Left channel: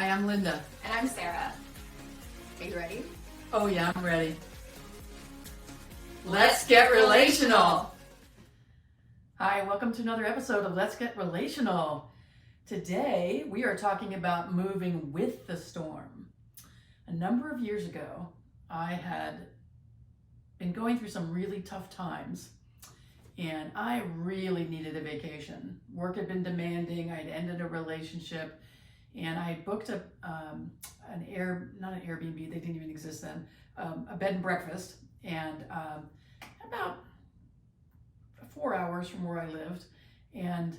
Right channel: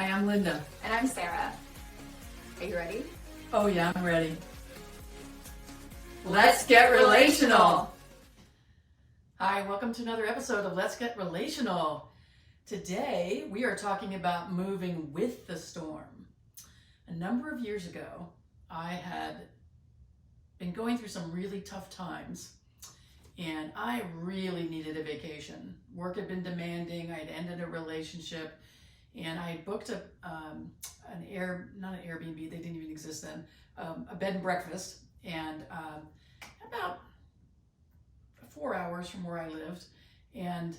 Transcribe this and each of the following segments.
Hi, I'm Linda. And I'm Sarah. Are you ready? Oh yeah, I'm ready. Let's get relational. Hi, welcome to another episode of Let's Get Relational. Today, we are talking about moving with the storm. A number of years ago, I had been going through some really tough times, and I really needed a vacation. Work had been demanding. I had ended a relationship, and I had booked not an Airbnb, they didn't even exist then, a bed and breakfast, and about 4 hours from where I lived, and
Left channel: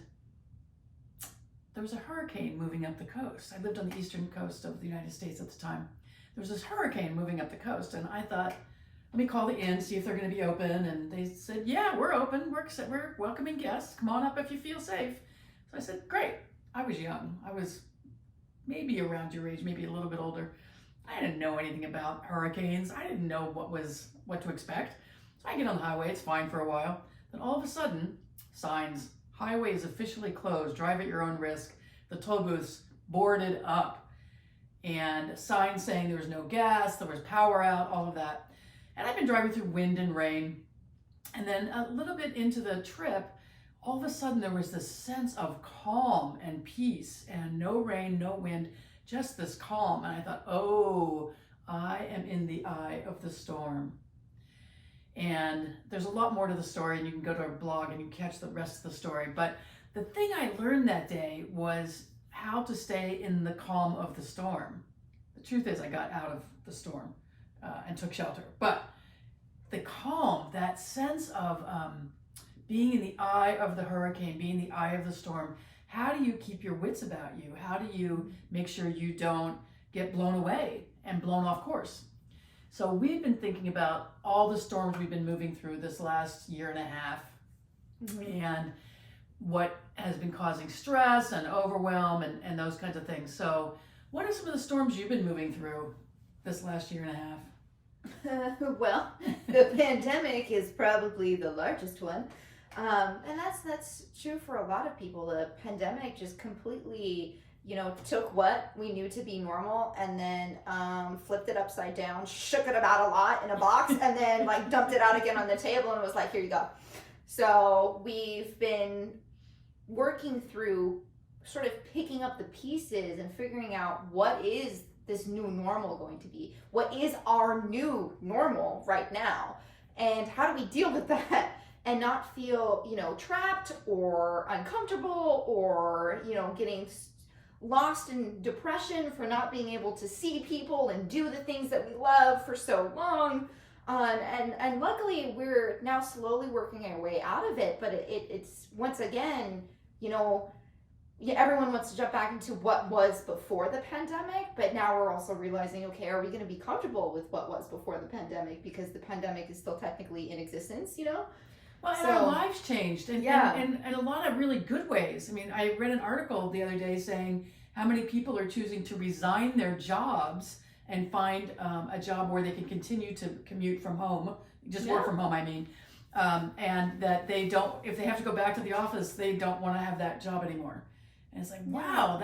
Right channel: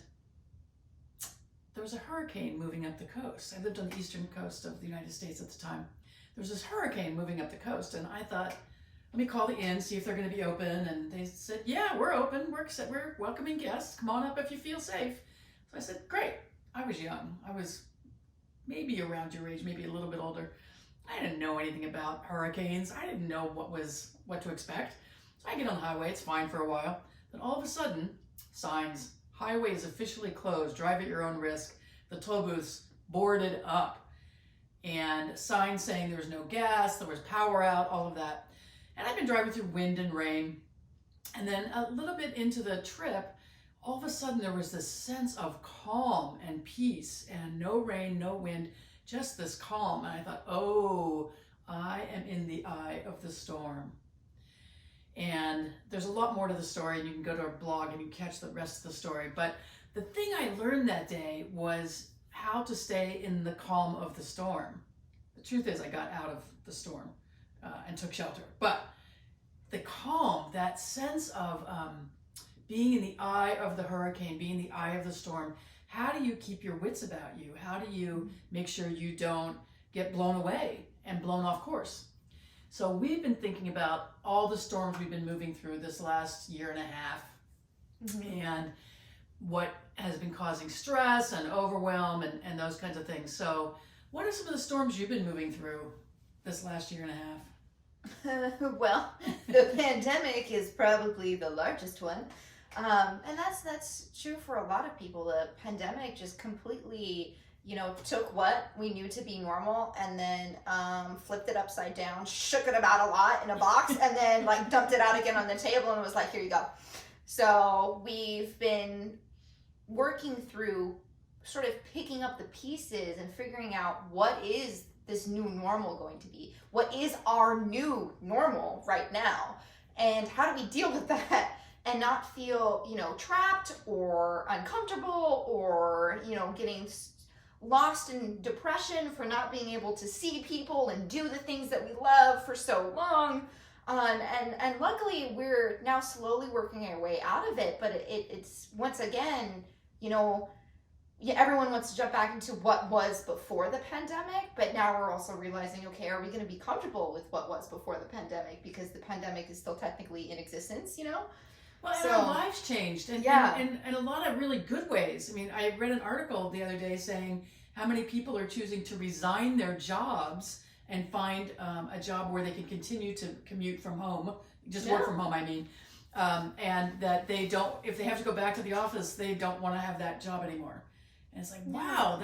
there was a hurricane moving up the coast. I lived on the eastern coast of the United States at the time. There was this hurricane moving up the coast, and I thought, let me call the inn, see if they're going to be open. And they said, yeah, we're open. We're welcoming guests. Come on up if you feel safe. So I said, great. I was young. I was maybe around your age, maybe a little bit older. I didn't know anything about hurricanes. I didn't know what to expect. So I get on the highway. It's fine for a while. Then all of a sudden, signs, highway is officially closed. Drive at your own risk. The toll booths boarded up. And signs saying there was no gas, there was power out, all of that. And I've been driving through wind and rain. And then a little bit into the trip, all of a sudden there was this sense of calm and peace and no rain, no wind, just this calm. And I thought, oh, I am in the eye of the storm. And there's a lot more to the story, and you can go to our blog and you catch the rest of the story. But the thing I learned that day was how to stay in the calm of the storm. The truth is I got out of the storm and took shelter. But the calm, that sense of being in the eye of the hurricane, being in the eye of the storm, how do you keep your wits about you? How do you make sure you don't get blown away and blown off course? So we've been thinking about all the storms we've been moving through this last year and a half, and what has been causing stress and overwhelm and those kinds of things. So what are some of the storms you've been moving through this last year and a half? Well, the pandemic is probably the largest one. And that's true for a lot of people. The pandemic just completely, took what we knew to be normal and then flipped it upside down, shook it about a lot in a box, and then dumped it out again on the table and was like, here you go. So we've been working through sort of picking up the pieces and figuring out what is this new normal going to be? What is our new normal right now? And how do we deal with that and not feel, trapped or uncomfortable or, getting lost in depression for not being able to see people and do the things that we love for so long. And luckily we're now slowly working our way out of it, but it's once again, everyone wants to jump back into what was before the pandemic, but now we're also realizing, okay, are we going to be comfortable with what was before the pandemic? Because the pandemic is still technically in existence, Well, and our lives changed, and a lot of really good ways. I mean, I read an article the other day saying how many people are choosing to resign their jobs and find a job where they can continue to commute from home, work from home, I mean, and that they don't, if they have to go back to the office, they don't want to have that job anymore. And it's like, wow,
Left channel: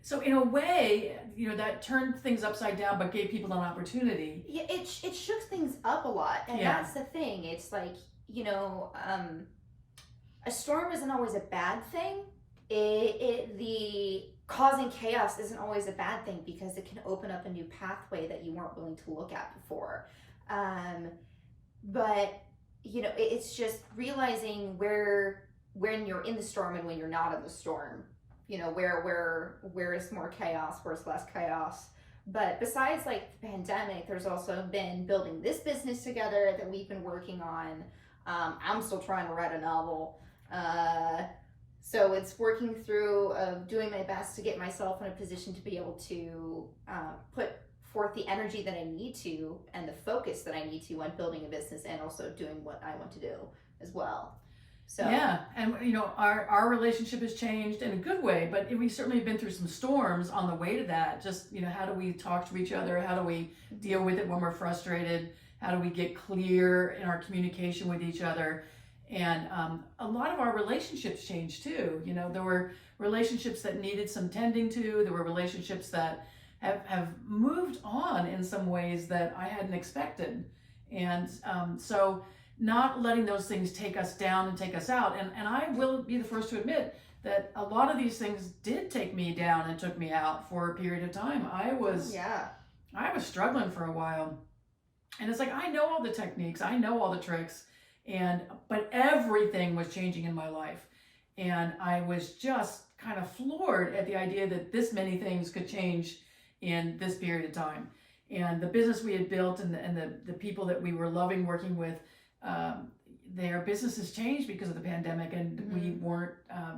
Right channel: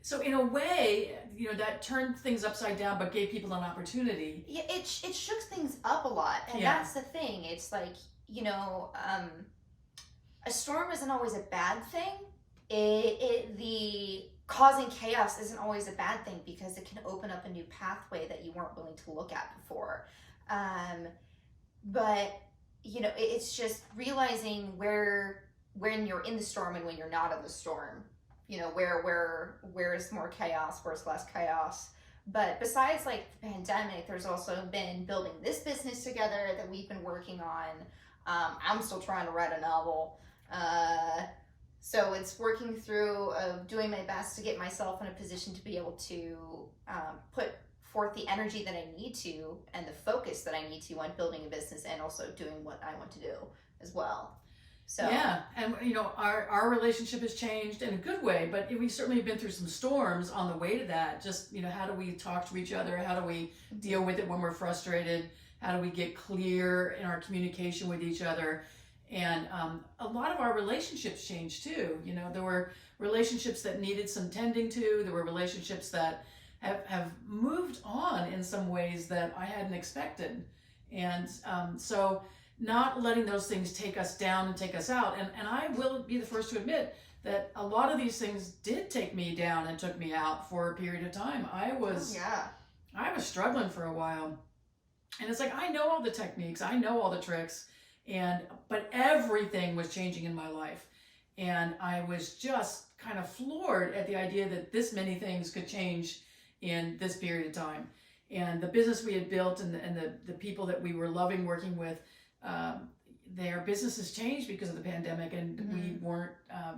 so in a way, that turned things upside down, but gave people an opportunity. Yeah, it shook things up a lot. And that's the thing. It's like, a storm isn't always a bad thing. The causing chaos isn't always a bad thing because it can open up a new pathway that you weren't willing to look at before. But, it's just realizing when you're in the storm and when you're not in the storm, where is more chaos, where's less chaos. But besides the pandemic, there's also been building this business together that we've been working on. I'm still trying to write a novel. So it's working through doing my best to get myself in a position to be able to put forth the energy that I need to and the focus that I need to on building a business and also doing what I want to do as well. So yeah, and our relationship has changed in a good way, but we certainly have been through some storms on the way to that. Just how do we talk to each other? How do we deal with it when we're frustrated? How do we get clear in our communication with each other? And a lot of our relationships changed too. You know, there were relationships that needed some tending to. There were relationships that have moved on in some ways that I hadn't expected. And so not letting those things take us down and take us out. And I will be the first to admit that a lot of these things did take me down and took me out for a period of time. I was struggling for a while. And it's like, I know all the techniques, I know all the tricks, but everything was changing in my life. And I was just kind of floored at the idea that this many things could change in this period of time. And the business we had built and the people that we were loving working with, their businesses changed because of the pandemic, and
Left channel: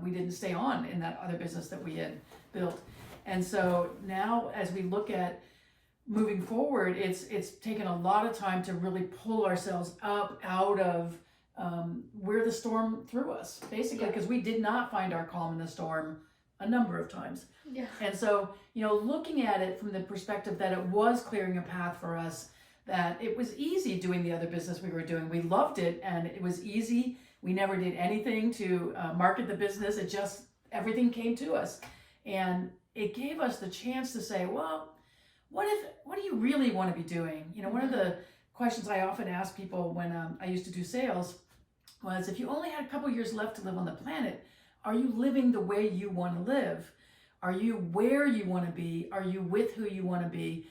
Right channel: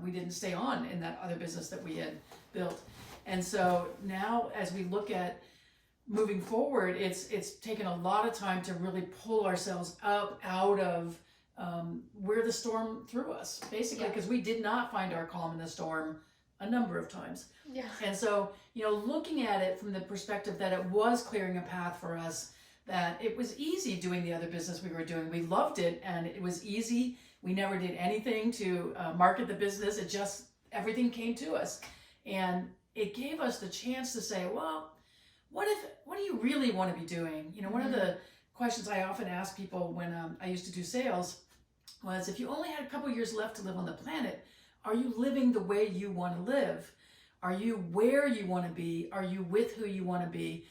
we didn't stay on in that other business that we had built. And so now as we look at moving forward, it's taken a lot of time to really pull ourselves up out of where the storm threw us, basically, because we did not find our calm in the storm a number of times. Yeah. And so, you know, looking at it from the perspective that it was clearing a path for us, that it was easy doing the other business we were doing. We loved it and it was easy. We never did anything to market the business. It just, everything came to us. And it gave us the chance to say, well, what do you really want to be doing? You know, one of the questions I often ask people when I used to do sales was, if you only had a couple years left to live on the planet, are you living the way you want to live? Are you where you want to be? Are you with who you want to be?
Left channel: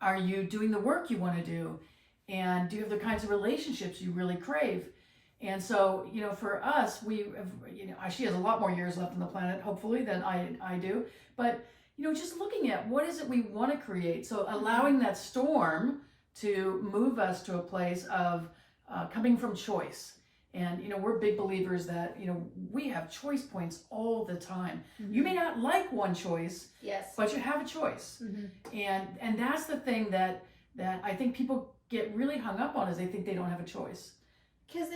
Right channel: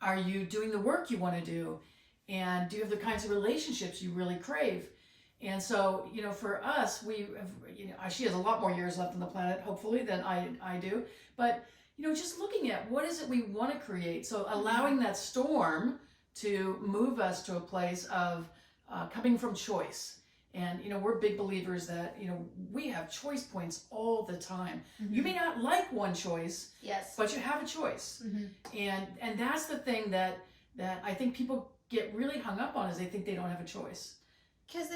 Are you doing the work you want to do? And do you have the kinds of relationships you really crave? And so, you know, for us, she has a lot more years left on the planet, hopefully, than I do. But, you know, just looking at what is it we want to create. So allowing that storm to move us to a place of coming from choice. And, you know, we're big believers that, you know, we have choice points all the time. You may not like one choice, yes, but you have a choice. And that's the thing that I think people get really hung up on, is they think they don't have a choice. Because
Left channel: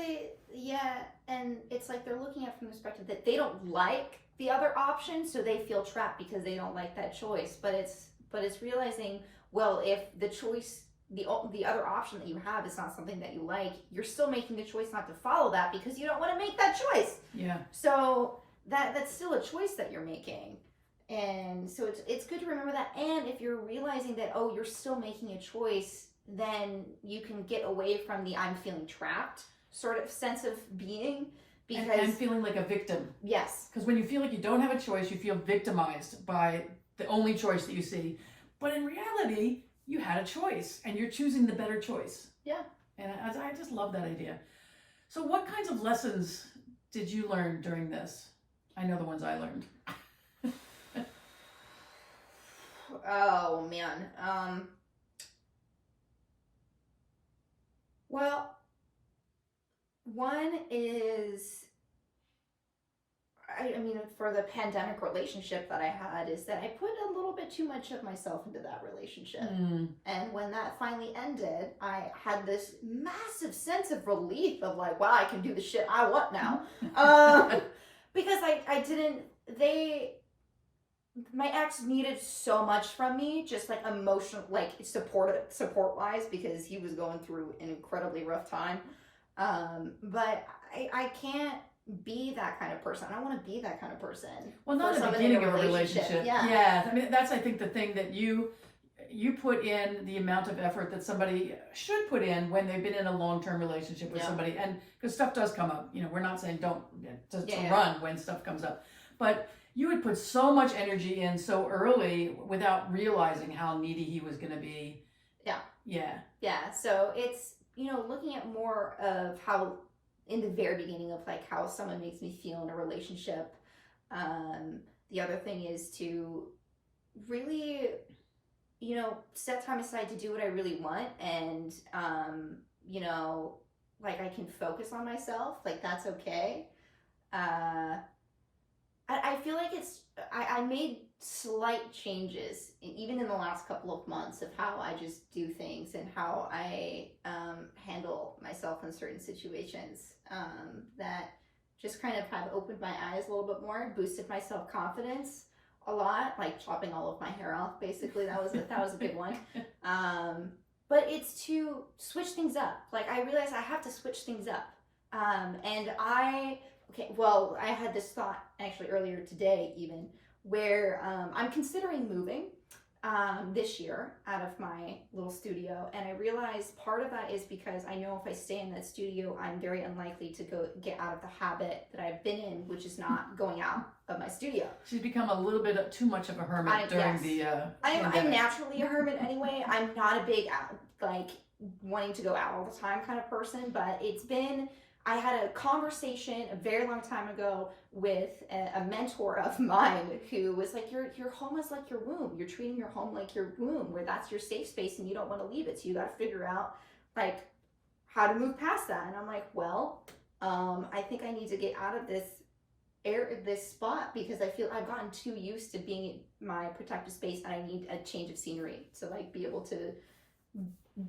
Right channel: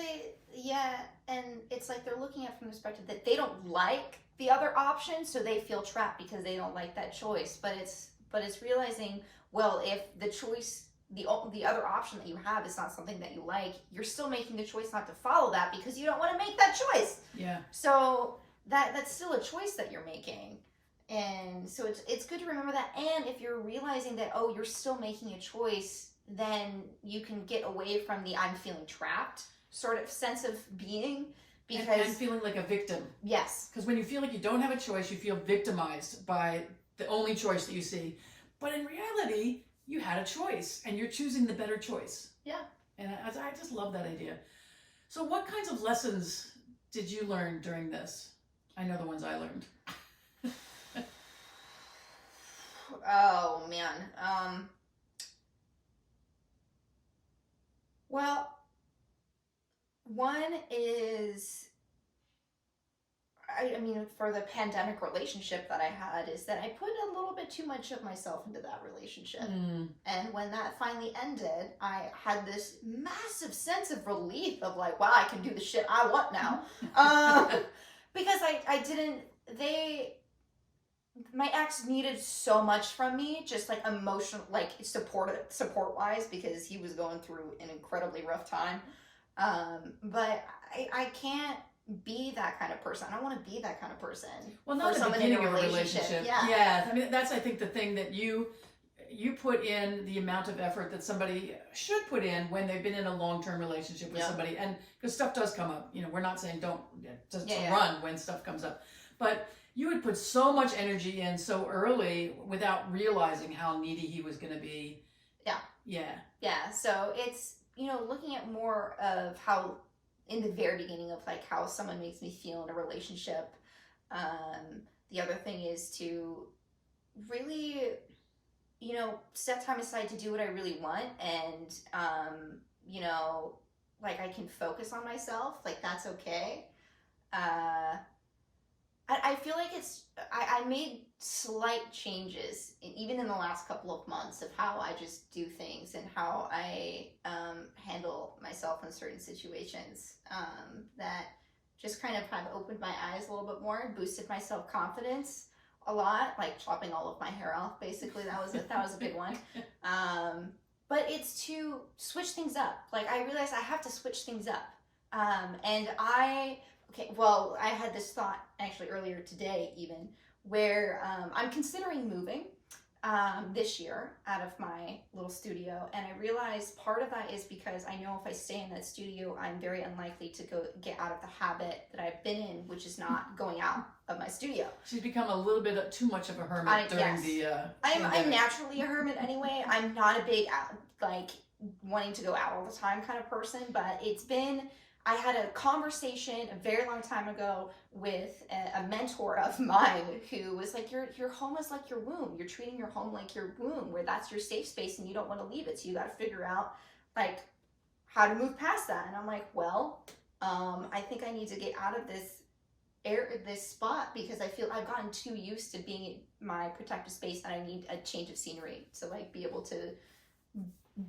and it's like they're looking at it from the perspective that they don't like the other option, so they feel trapped because they don't like that choice. But it's realizing, well, if the choice, the other option that you have is not something that you like, you're still making the choice not to follow that because you don't want to make that choice. Yeah. So that's still a choice that you're making. And so it's good to remember that. And if you're realizing that, oh, you're still making a choice, then you can get away from the I'm feeling trapped sort of sense of being. Because and feeling like a victim. Yes. Because when you feel like you don't have a choice, you feel victimized by the only choice that you see. But in reality, you had a choice and you're choosing the better choice. Yeah. And I just love that idea. So what kinds of lessons did you learn during this? I know the ones I learned. Oh, man. Well, one is, I mean, for the pandemic relationship that I had, is that I put a little bit too much of myself into that relationship. And when that finally ended, I had this massive sense of relief of like, wow, I can do the shit I want now. Because my ex needed so much from me, just like emotional, like support wise, because he was going through an incredibly rough time. But I can't be that kind of person. I don't want to be that kind of person. Well, not the beginning of a relationship. Yeah. I mean, that's, I think, the thing that you put in the amount of effort that somebody should put in when they've been in a long-term relationship with somebody. And because stuff does come up, you know, we're not saying don't just run when stuff comes up, but you would put so much energy in so early without realizing how needy he was going to be. Yeah. So it's, you know, looking at more of how, in the very beginning of like how someone makes me feel in a relationship. The other thing is to really, you know, set time aside to do what I really want. And, you know, like I can focus on myself, like that's okay. I feel like I made slight changes, even in the last couple of months, of how I just do things and how I handle myself in certain situations, that just kind of have opened my eyes a little bit more, boosted my self-confidence a lot, like chopping all of my hair off, basically. That was a good one. But it's to switch things up. Like I realized I have to switch things up. And I had this thought actually earlier today, even where I'm considering moving this year out of my little studio, and I realized part of that is because I know if I stay in that studio, I'm very unlikely to get out of the habit that I've been in, which is not going out of my studio. She's become a little bit too much of a hermit during the I'm naturally a hermit anyway. I'm not a big wanting to go out all the time kind of person, but I had a conversation a very long time ago with a mentor of mine who was like, your home is like your womb. You're treating your home like your womb, where that's your safe space and you don't want to leave it. So you got to figure out like how to move past that. And I'm like, well, I think I need to get out of this spot because I feel I've gotten too used to being in my protective space, and I need a change of scenery to like be able to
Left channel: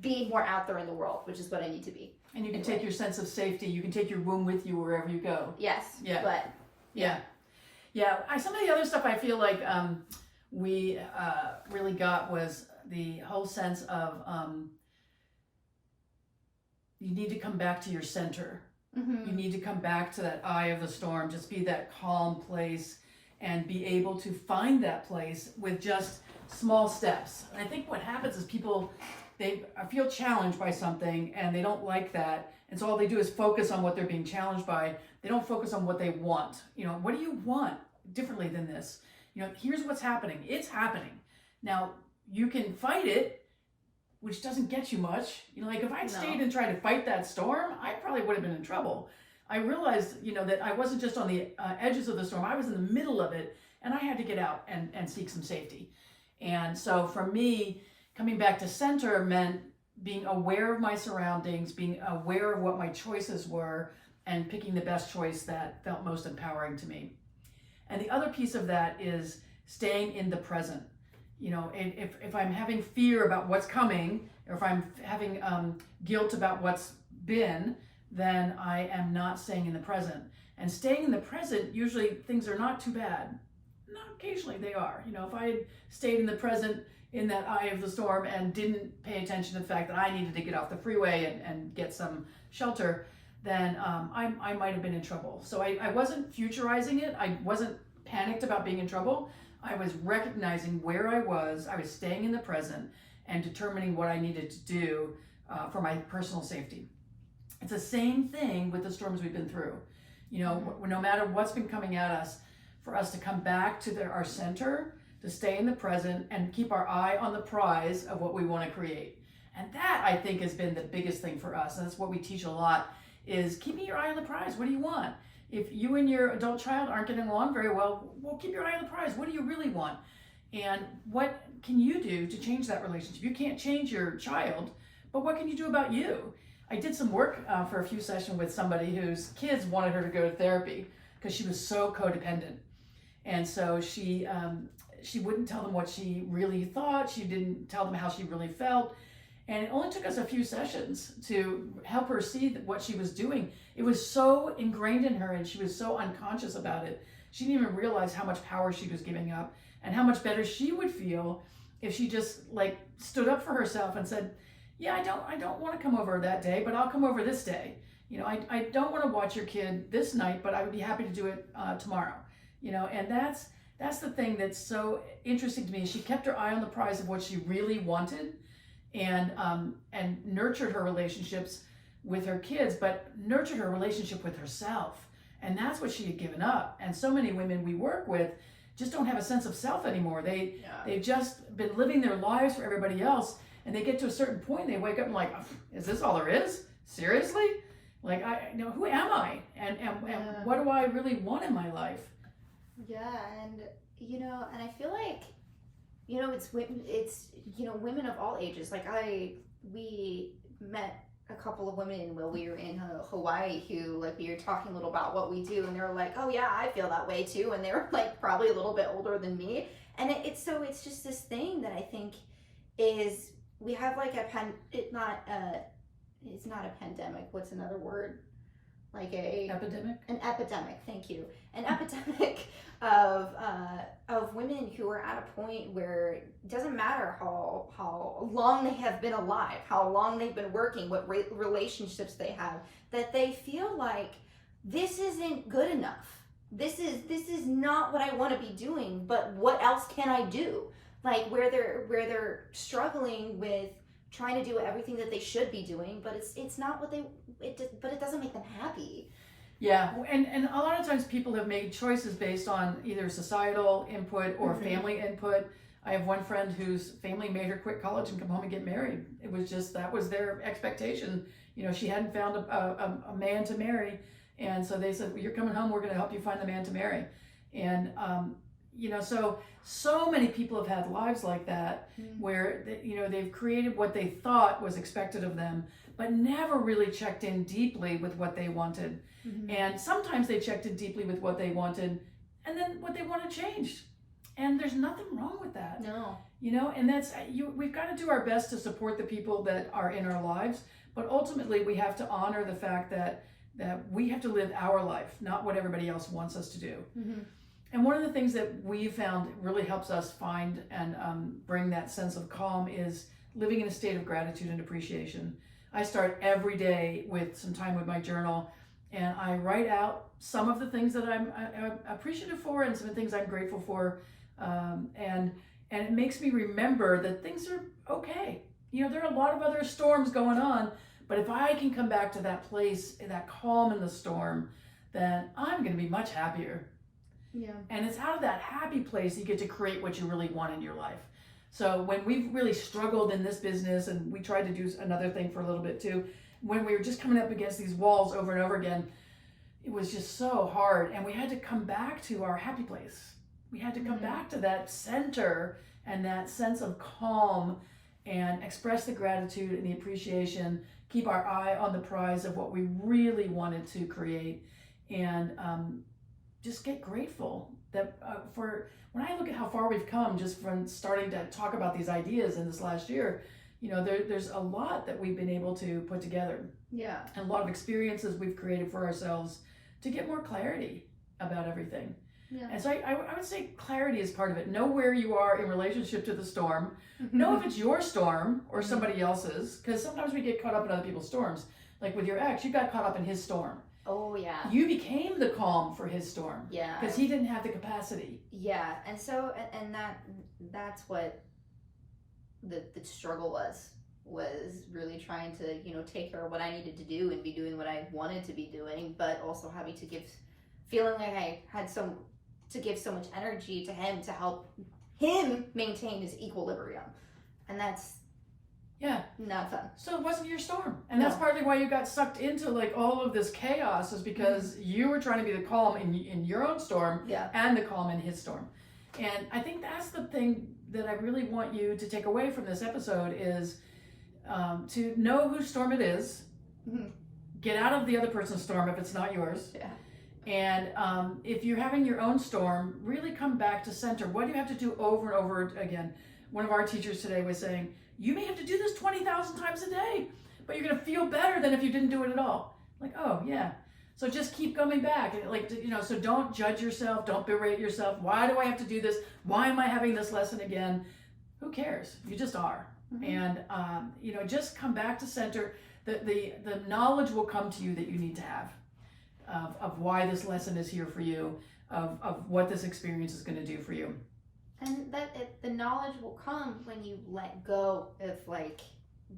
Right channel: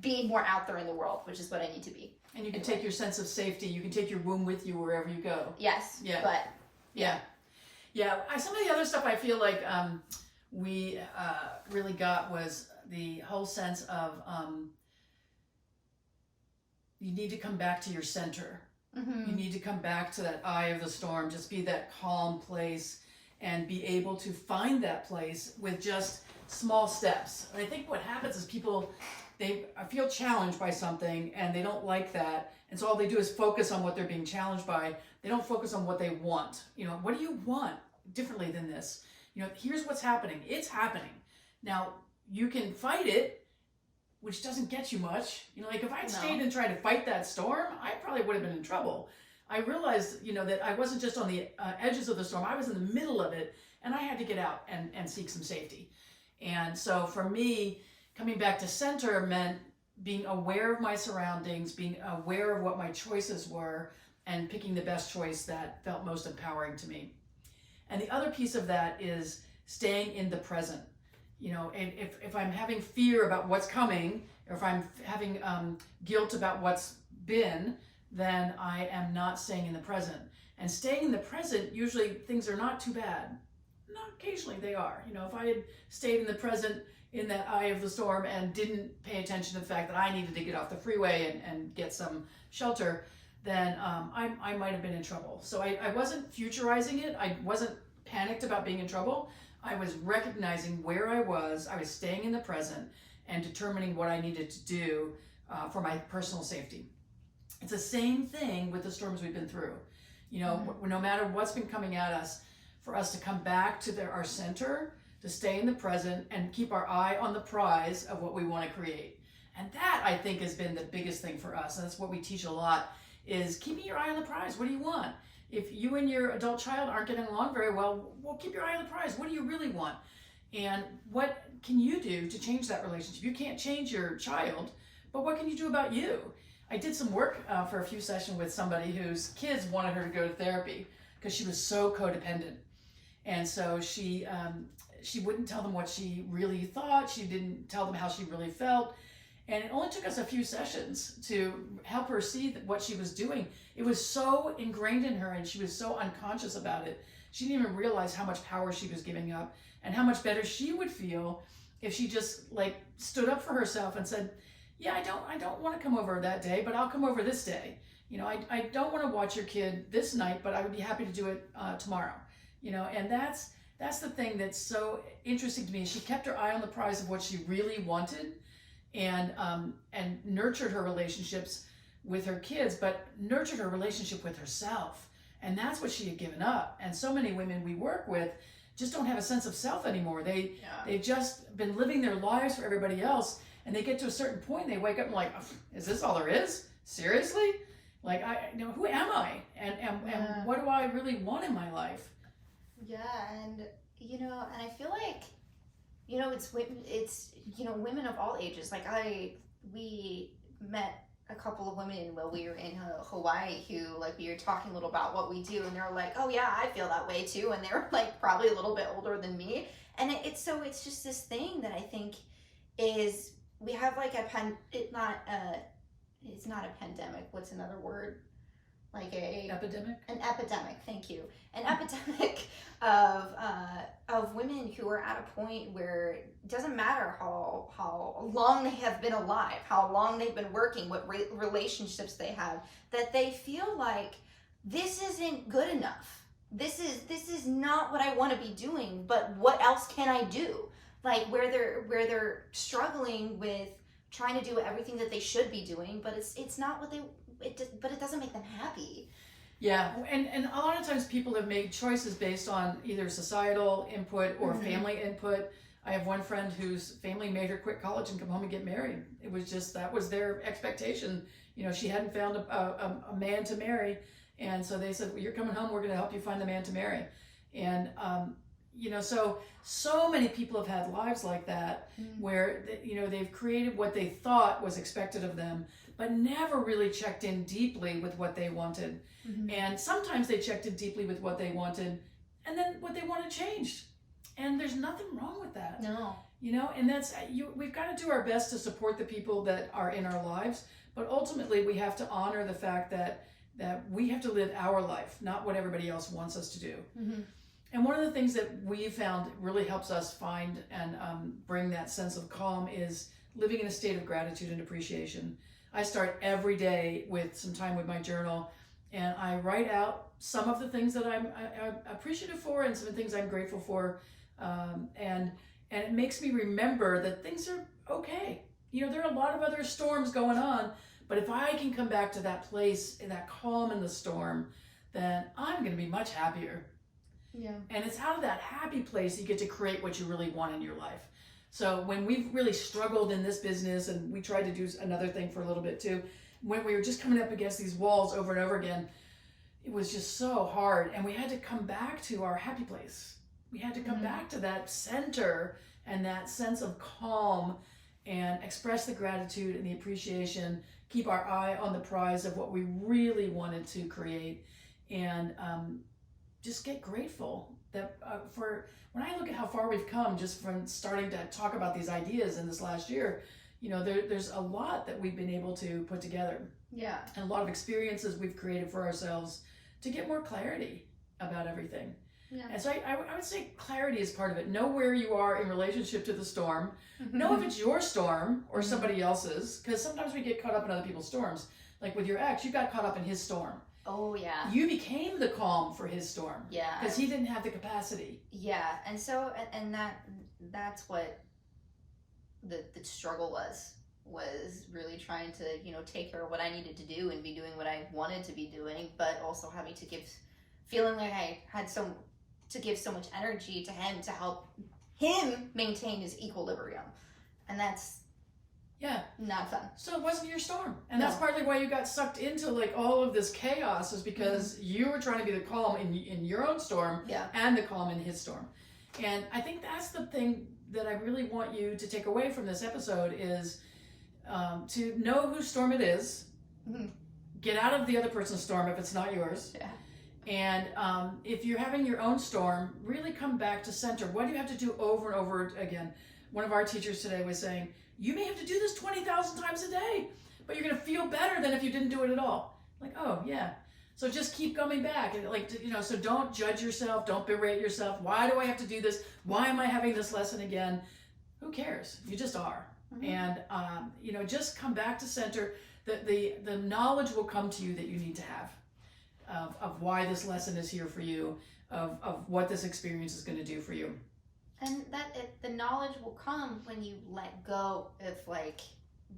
be more out there in the world, which is what I need to be. And you can take your sense of safety. You can take your womb with you wherever you go. Yes. Yeah. But yeah. Some of the other stuff I feel like we really got was the whole sense of you need to come back to your center. Mm-hmm. You need to come back to that eye of the storm. Just be that calm place and be able to find that place with just small steps. And I think what happens is people, they feel challenged by something and they don't like that. And so all they do is focus on what they're being challenged by. They don't focus on what they want. What do you want differently than this? Here's what's happening. It's happening. Now, you can fight it, which doesn't get you much. Like if I'd stayed and tried to fight that storm, I probably would have been in trouble. I realized, that I wasn't just on the edges of the storm. I was in the middle of it, and I had to get out and seek some safety. And so for me, coming back to center meant being aware of my surroundings, being aware of what my choices were, and picking the best choice that felt most empowering to me. And the other piece of that is staying in the present. And if I'm having fear about what's coming, or if I'm having guilt about what's been, then I am not staying in the present. And staying in the present, usually things are not too bad. Not occasionally they are. If I had stayed in the present in that eye of the storm and didn't pay attention to the fact that I needed to get off the freeway and get some shelter, then I might have been in trouble. So I wasn't futurizing it. I wasn't panicked about being in trouble. I was recognizing where I was staying in the present and determining what I needed to do for my personal safety. It's the same thing with the storms we've been through. No matter what's been coming at us, for us to come back to our center, to stay in the present and keep our eye on the prize of what we want to create. And that, I think, has been the biggest thing for us. And that's what we teach a lot, is keeping your eye on the prize. What do you want? If you and your adult child aren't getting along very well, keep your eye on the prize. What do you really want? And what can you do to change that relationship? You can't change your child, but what can you do about you? I did some work for a few sessions with somebody whose kids wanted her to go to therapy because she was so codependent. And so she wouldn't tell them what she really thought. She didn't tell them how she really felt. And it only took us a few sessions to help her see what she was doing. It was so ingrained in her, and she was so unconscious about it. She didn't even realize how much power she was giving up and how much better she would feel if she just stood up for herself and said, yeah, I don't want to come over that day, but I'll come over this day. I don't want to watch your kid this night, but I would be happy to do it tomorrow. And that's the thing that's so interesting to me. She kept her eye on the prize of what she really wanted, and nurtured her relationships with her kids, but nurtured her relationship with herself. And that's what she had given up. And so many women we work with just don't have a sense of self anymore. They've just been living their lives for everybody else, and they get to a certain point and they wake up and like, is this all there is? Seriously? Who am I? And what do I really want in my life? Yeah, and I feel like, it's women of all ages. We met a couple of women while we were in Hawaii who, we were talking a little about what we do, and they were like, oh yeah, I feel that way too. And they were probably a little bit older than me. And it's just this thing that I think is, we have it's not a pandemic. What's another word? like Epidemic. an epidemic. Thank you, an epidemic of women who are at a point where it doesn't matter how long they have been alive, how long they've been working, what relationships they have, that they feel like this isn't good enough. This is not what I want to be doing, but what else can I do? Like where they're struggling with trying to do everything that they should be doing, but it's not what but it doesn't make them happy. Yeah, and a lot of times people have made choices based on either societal input or family input. I have one friend whose family made her quit college and come home and get married. It was just, that was their expectation. You know, she hadn't found a man to marry. And so they said, well, you're coming home, we're going to help you find the man to marry. And, you know, so many people have had lives like that where, you know, they've created what they thought was expected of them, but never really checked in deeply with what they wanted. And sometimes they checked in deeply with what they wanted, and then what they wanted changed. And there's nothing wrong with that. No. You know, and that's, we've got to do our best to support the people that are in our lives, but ultimately we have to honor the fact that we have to live our life, not what everybody else wants us to do. And one of the things that we found really helps us find and bring that sense of calm is living in a state of gratitude and appreciation. I start every day with some time with my journal, and I write out some of the things that I'm appreciative for and some of the things I'm grateful for. And it makes me remember that things are okay. You know, there are a lot of other storms going on, but if I can come back to that place, that calm in the storm, then I'm going to be much happier. Yeah. And it's out of that happy place you get to create what you really want in your life. So when we've really struggled in this business, and we tried to do another thing for a little bit too, when we were just coming up against these walls over and over again, it was just so hard. And we had to come back to our happy place. We had to come back to that center and that sense of calm and express the gratitude and the appreciation, keep our eye on the prize of what we really wanted to create, and just get grateful that for when I look at how far we've come just from starting to talk about these ideas in this last year, you know, there's a lot that we've been able to put together. Yeah. And a lot of experiences we've created for ourselves to get more clarity about everything. Yeah. And so I would say clarity is part of it. Know where you are in relationship to the storm. Know if it's your storm or somebody else's, because sometimes we get caught up in other people's storms. Like with your ex, you got caught up in his storm. Oh, yeah. You became the calm for his storm. Yeah. Because he didn't have the capacity. Yeah. And so, and that's what the struggle was really trying to, you know, take care of what I needed to do and be doing what I wanted to be doing, but also having to feeling like I had to give so much energy to him to help him maintain his equilibrium. And that's not fun. So it wasn't your storm. And that's partly why you got sucked into like all of this chaos, is because you were trying to be the calm in your own storm and the calm in his storm. And I think that's the thing that I really want you to take away from this episode is to know whose storm it is. Get out of the other person's storm if it's not yours. Yeah. And if you're having your own storm, really come back to center. What do you have to do over and over again? One of our teachers today was saying, you may have to do this 20,000 times a day, but you're going to feel better than if you didn't do it at all. Like, oh, yeah. So just keep coming back. Like, you know, so don't judge yourself. Don't berate yourself. Why do I have to do this? Why am I having this lesson again? Who cares? You just are. And, you know, just come back to center. The knowledge will come to you that you need to have of why this lesson is here for you, of what this experience is going to do for you. And the knowledge will come when you let go of like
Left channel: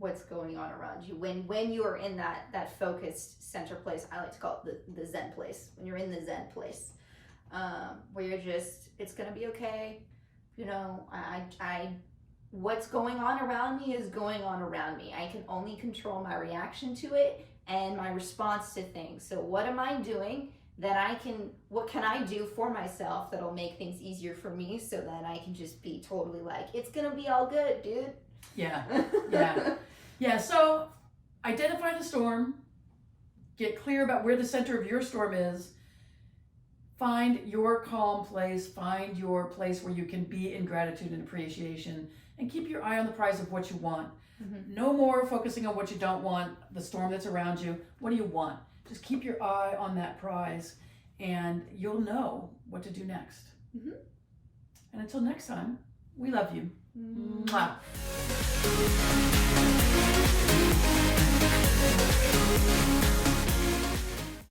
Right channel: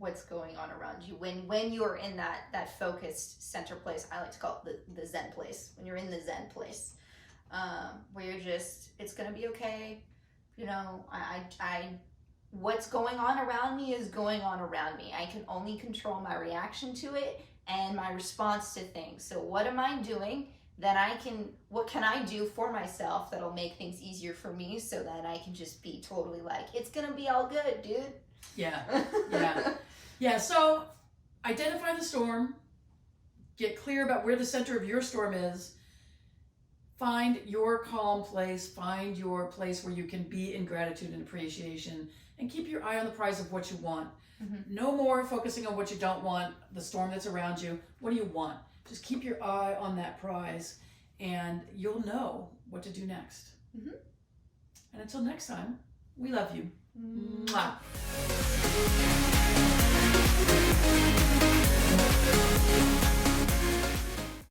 what's going on around you. When you're in that focused center place, I like to call it the Zen place. When you're in the Zen place, where you're just, it's gonna be okay. You know, I what's going on around me is going on around me. I can only control my reaction to it and my response to things. So what am I doing what can I do for myself that'll make things easier for me so that I can just be totally like, it's gonna be all good, dude. Yeah. So identify the storm, get clear about where the center of your storm is, find your calm place, find your place where you can be in gratitude and appreciation, and keep your eye on the prize of what you want. No more focusing on what you don't want, the storm that's around you. What do you want? just keep your eye on that prize, and you'll know what to do next. Mhm. And until next time, we love you. Mwah. Mm.